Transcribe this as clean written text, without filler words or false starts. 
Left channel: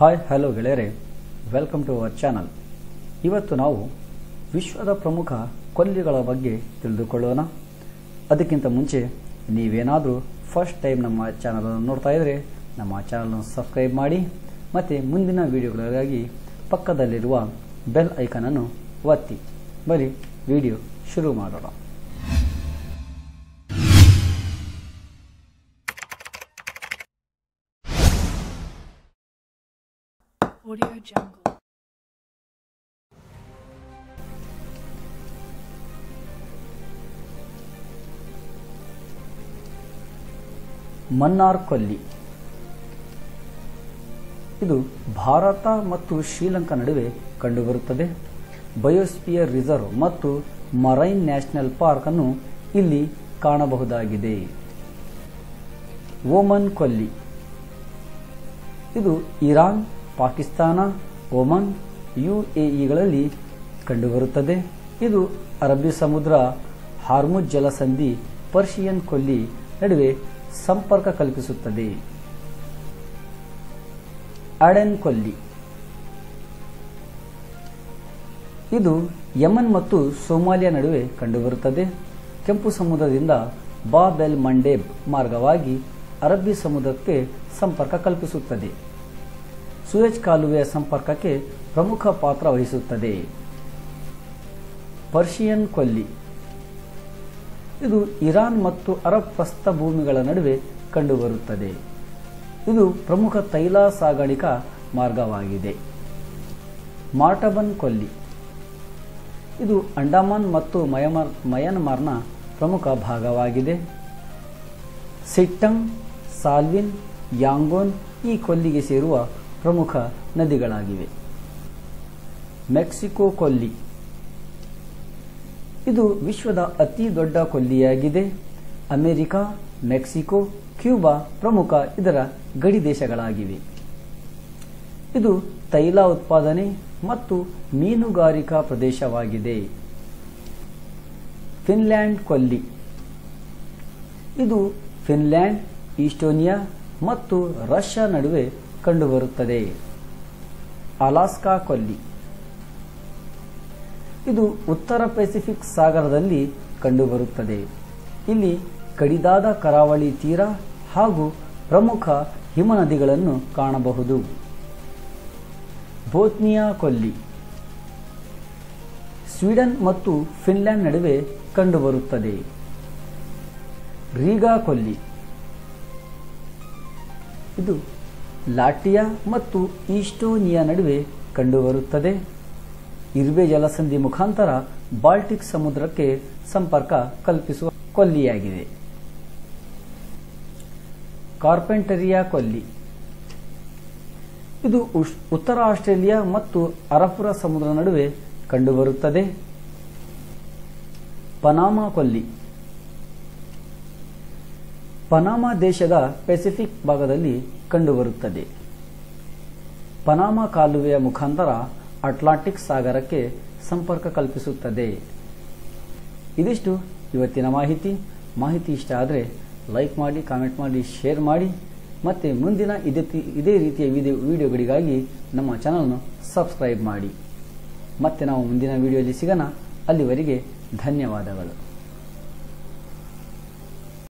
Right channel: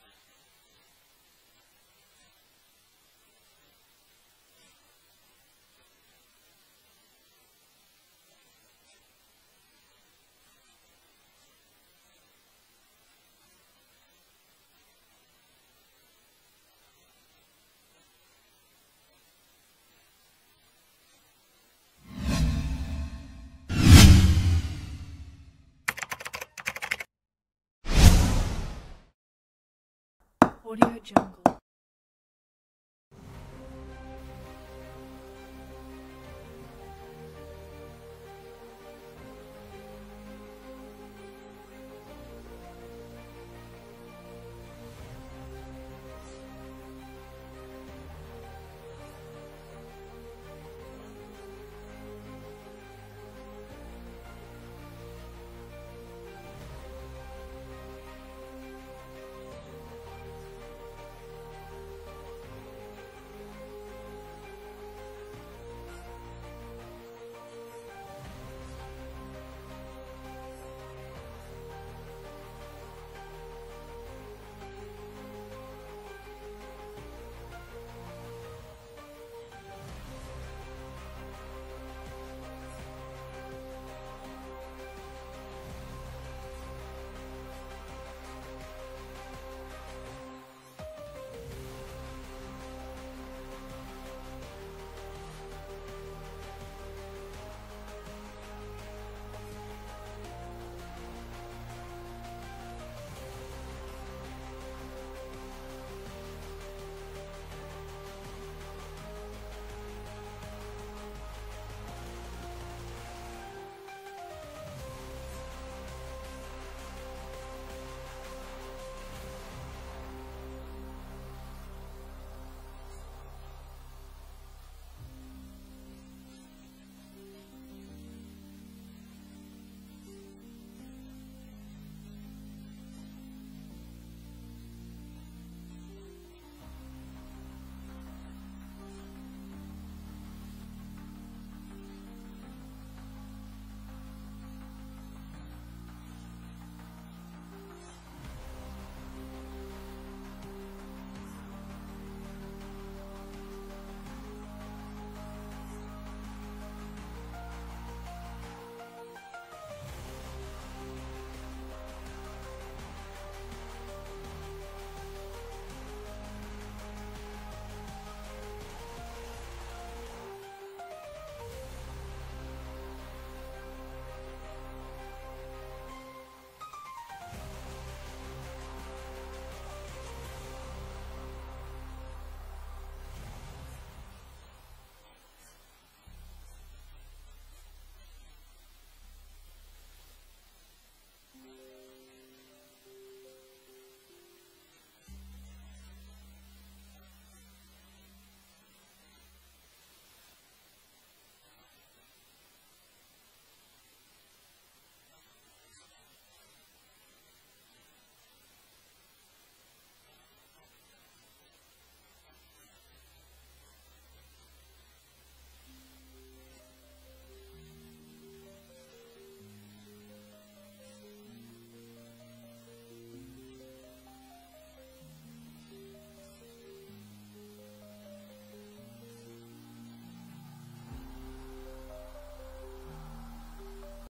Hi hello ಗೆಳೆಯರೆ, welcome to our channel. ಇವತ್ತು ನಾವು ವಿಶ್ವದ ಪ್ರಮುಖ ಕೊಲ್ಲಿಗಳ ಬಗ್ಗೆ ತಿಳಿದುಕೊಳ್ಳೋಣ. ಅದಕ್ಕಿಂತ ಮುಂಚೆ ನೀವೇನಾದರೂ ಫಸ್ಟ್ ಟೈಮ್ ನಮ್ಮ ಚಾನಲನ್ನು ನೋಡ್ತಾ ಇದ್ದರೆ ನಮ್ಮ ಚಾನಲನ್ನು ಸಬ್ಸ್ಕ್ರೈಬ್ ಮಾಡಿ ಮತ್ತು ಮುಂದಿನ ವಿಡಿಯೋಗಳಿಗಾಗಿ ಪಕ್ಕದಲ್ಲಿರುವ ಬೆಲ್ ಐಕನನ್ನು ಒತ್ತಿ. ಬನ್ನಿ ವಿಡಿಯೋ ಶುರು ಮಾಡೋಣ. Audio Jungle. ಮನ್ನಾರ್ ಕೊಲ್ಲಿ ಇದು ಭಾರತ ಮತ್ತು ಶ್ರೀಲಂಕಾ ನಡುವೆ ಕಂಡುಬರುತ್ತದೆ. ಬಯೋಸ್ಪಿಯರ್ ರಿಸರ್ವ್ ಮತ್ತು ಮರೈನ್ ನ್ಯಾಷನಲ್ ಪಾರ್ಕ್ ಅನ್ನು ಇಲ್ಲಿ ಕಾಣಬಹುದಾಗಿದೆ. ಓಮನ್ ಕೊಲ್ಲಿ ಇದು ಇರಾನ್, ಪಾಕಿಸ್ತಾನ, ಒಮನ್, ಯುಎಇಗಳಲ್ಲಿ ಕಂಡುಬರುತ್ತದೆ. ಇದು ಅರಬ್ಬಿ ಸಮುದ್ರ, ಹಾರ್ಮುಜ್ ಜಲಸಂಧಿ, ಪರ್ಷಿಯನ್ ಕೊಲ್ಲಿ ನಡುವೆ ಸಂಪರ್ಕ ಕಲ್ಪಿಸುತ್ತದೆ. ಅಡೆನ್ ಕೊಲ್ಲಿ ಇದು ಯಮನ್ ಮತ್ತು ಸೋಮಾಲಿಯಾ ನಡುವೆ ಕಂಡುಬರುತ್ತದೆ. ಕೆಂಪು ಸಮುದ್ರದಿಂದ ಬಾಬ್ ಎಲ್ ಮಂಡೇಬ್ ಮಾರ್ಗವಾಗಿ ಅರಬ್ಬಿ ಸಮುದ್ರಕ್ಕೆ ಸಂಪರ್ಕ ಕಲ್ಪಿಸುತ್ತದೆ. ಸೂಯಜ್ ಕಾಲುವೆಯ ಸಂಪರ್ಕಕ್ಕೆ ಪ್ರಮುಖ ಪಾತ್ರ ವಹಿಸುತ್ತದೆ. ಪರ್ಷಿಯನ್ ಕೊಲ್ಲಿ ಇದು ಇರಾನ್ ಮತ್ತು ಅರಬ್ ಪ್ರಸ್ಥಭೂಮಿಗಳ ನಡುವೆ ಕಂಡುಬರುತ್ತದೆ. ಇದು ಪ್ರಮುಖ ತೈಲ ಸಾಗಾಣಿಕಾ ಮಾರ್ಗವಾಗಿದೆ. ಮಾರ್ಟಬನ್ ಕೊಲ್ಲಿ ಇದು ಅಂಡಮಾನ್ ಮತ್ತು ಮಯನ್ಮಾರ್ನ ಪ್ರಮುಖ ಭಾಗವಾಗಿದೆ. ಸಿಟ್ಟಂಗ್, ಸಾಲ್ವಿನ್, ಯಾಂಗೋನ್ ಈ ಕೊಲ್ಲಿಗೆ ಸೇರುವ ಪ್ರಮುಖ ನದಿಗಳಾಗಿವೆ. ಮೆಕ್ಸಿಕೋ ಕೊಲ್ಲಿ ಇದು ವಿಶ್ವದ ಅತಿ ದೊಡ್ಡ ಕೊಲ್ಲಿಯಾಗಿದೆ. ಅಮೆರಿಕ, ಮೆಕ್ಸಿಕೋ, ಕ್ಯೂಬಾ ಪ್ರಮುಖ ಇದರ ಗಡಿ ದೇಶಗಳಾಗಿವೆ. ಇದು ತೈಲ ಉತ್ಪಾದನೆ ಮತ್ತು ಮೀನುಗಾರಿಕಾ ಪ್ರದೇಶವಾಗಿದೆ. ಫಿನ್ಲ್ಯಾಂಡ್ ಕೊಲ್ಲಿ ಇದು ಫಿನ್ಲ್ಯಾಂಡ್, ಈಸ್ಟೋನಿಯಾ ಮತ್ತು ರಷ್ಯಾ ನಡುವೆ ಕಂಡುಬರುತ್ತದೆ. ಅಲಾಸ್ಕಾ ಕೊಲ್ಲಿ ಇದು ಉತ್ತರ ಪೆಸಿಫಿಕ್ ಸಾಗರದಲ್ಲಿ ಕಂಡುಬರುತ್ತದೆ. ಇಲ್ಲಿ ಕಡಿದಾದ ಕರಾವಳಿ ತೀರ ಹಾಗೂ ಪ್ರಮುಖ ಹಿಮನದಿಗಳನ್ನು ಕಾಣಬಹುದು. ಬೋತ್ನಿಯಾ ಕೊಲ್ಲಿ ಸ್ವೀಡನ್ ಮತ್ತು ಫಿನ್ಲ್ಯಾಂಡ್ ನಡುವೆ ಕಂಡುಬರುತ್ತದೆ. ರೀಗಾ ಕೊಲ್ಲಿ ಇದು ಲಾಟಿಯಾ ಮತ್ತು ಈಸ್ಟೋನಿಯಾ ನಡುವೆ ಕಂಡುಬರುತ್ತದೆ. ಇರ್ವೆ ಜಲಸಂಧಿ ಮುಖಾಂತರ ಬಾಲ್ಟಿಕ್ ಸಮುದ್ರಕ್ಕೆ ಸಂಪರ್ಕ ಕಲ್ಪಿಸುವ ಕೊಲ್ಲಿಯಾಗಿದೆ. ಕಾರ್ಪೆಂಟರಿಯಾ ಕೊಲ್ಲಿ ಇದು ಉತ್ತರ ಆಸ್ಟ್ರೇಲಿಯಾ ಮತ್ತು ಅರಬ್ಬರ ಸಮುದ್ರ ನಡುವೆ ಕಂಡುಬರುತ್ತದೆ. ಪನಾಮಾ ಕೊಲ್ಲಿ ಪನಾಮಾ ದೇಶದ ಪೆಸಿಫಿಕ್ ಭಾಗದಲ್ಲಿ ಕಂಡುಬರುತ್ತದೆ. ಪನಾಮಾ ಕಾಲುವೆಯ ಮುಖಾಂತರ ಅಟ್ಲಾಂಟಿಕ್ ಸಾಗರಕ್ಕೆ ಸಂಪರ್ಕ ಕಲ್ಪಿಸುತ್ತದೆ. ಇದಿಷ್ಟು ಇವತ್ತಿನ ಮಾಹಿತಿ ಇಷ್ಟ ಆದರೆ ಲೈಕ್ ಮಾಡಿ, ಕಾಮೆಂಟ್ ಮಾಡಿ, ಶೇರ್ ಮಾಡಿ ಮತ್ತು ಮುಂದಿನ ಇದೇ ರೀತಿಯ ವಿಡಿಯೋಗಳಿಗಾಗಿ ನಮ್ಮ ಚಾನಲ್ನ ಸಬ್ಸ್ಕ್ರೈಬ್ ಮಾಡಿ. ಮತ್ತೆ ನಾವು ಮುಂದಿನ ವಿಡಿಯೋದಲ್ಲಿ ಸಿಗೋಣ. ಅಲ್ಲಿವರೆಗೆ ಧನ್ಯವಾದಗಳು.